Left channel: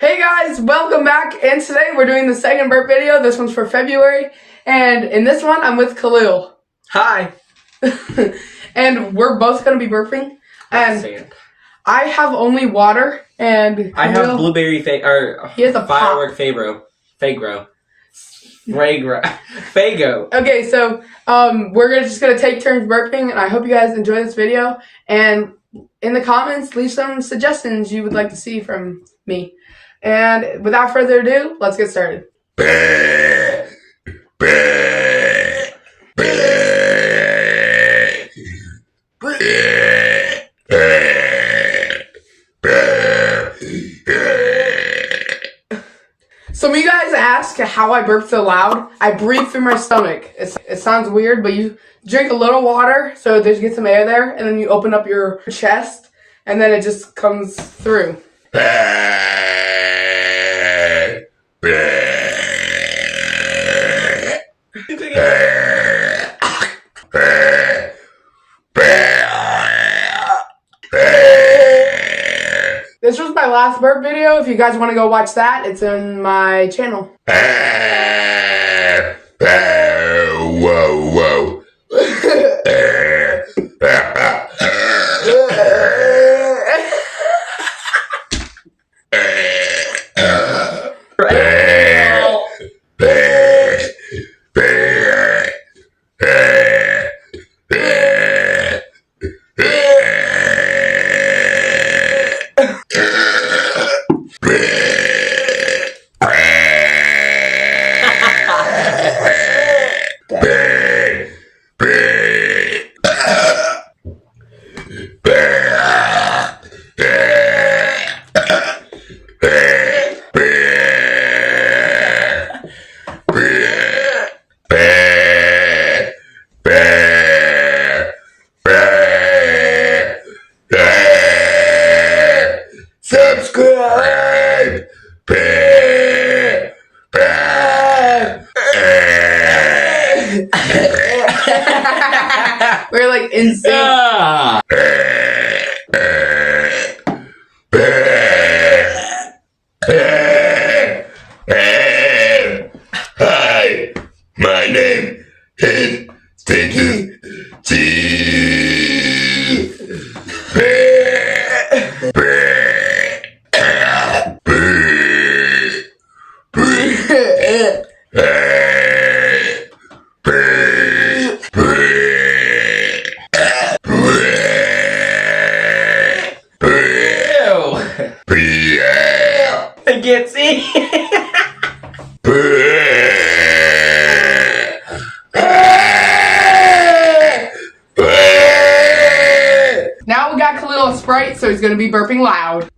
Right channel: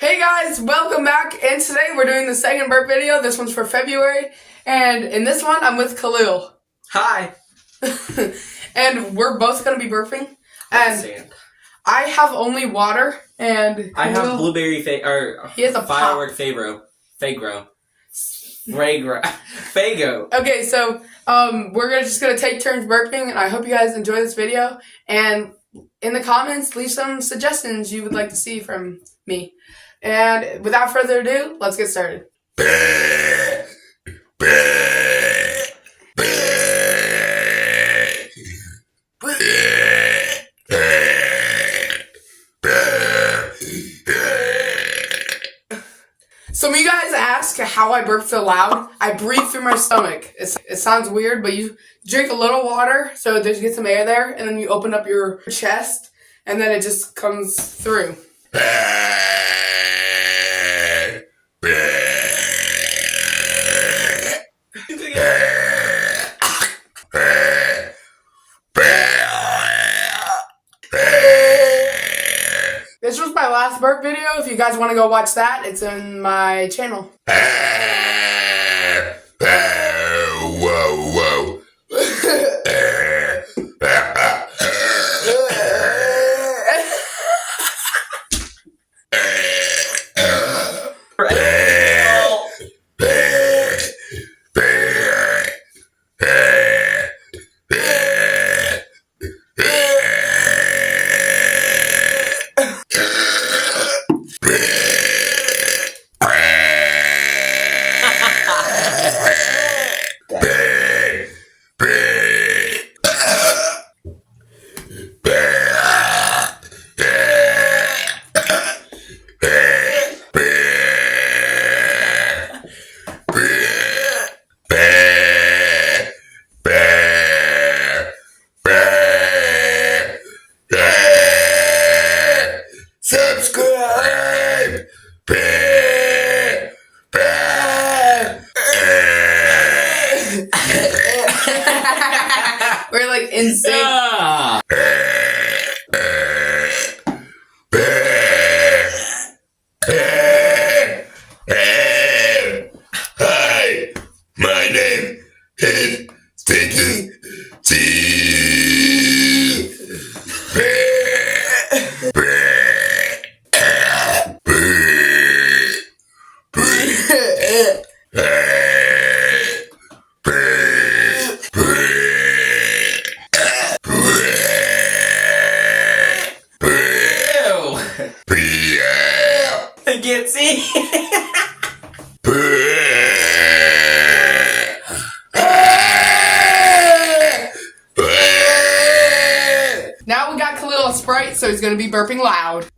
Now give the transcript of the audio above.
Hey guys, welcome back, and today we're doing the second burp video. This one's for February, and in this one I'm with Khalil. Hi. And we're both going to be burping, and I have only water, and Khalil, I have blueberry he has a firework Fago. Okay, so we're just going to take turns burping, and I hope you guys enjoy this video, and in the comments leave some suggestions you would like to see from me. And without further ado, let's get started. Some of you guys ask how I burp so loud. I breathe through my stomach. It sounds weird, but you drink a little water so that you get some air there, and then you open up your chest, and then it just comes through. This was my last burp video. If you guys want to go watch that, it's in my channel. Whoa. Subscribe! We're like insane. Hi, my name is Stinky G. I can't see. Now we got Khalil a Sprite, so he's gonna be burping loud.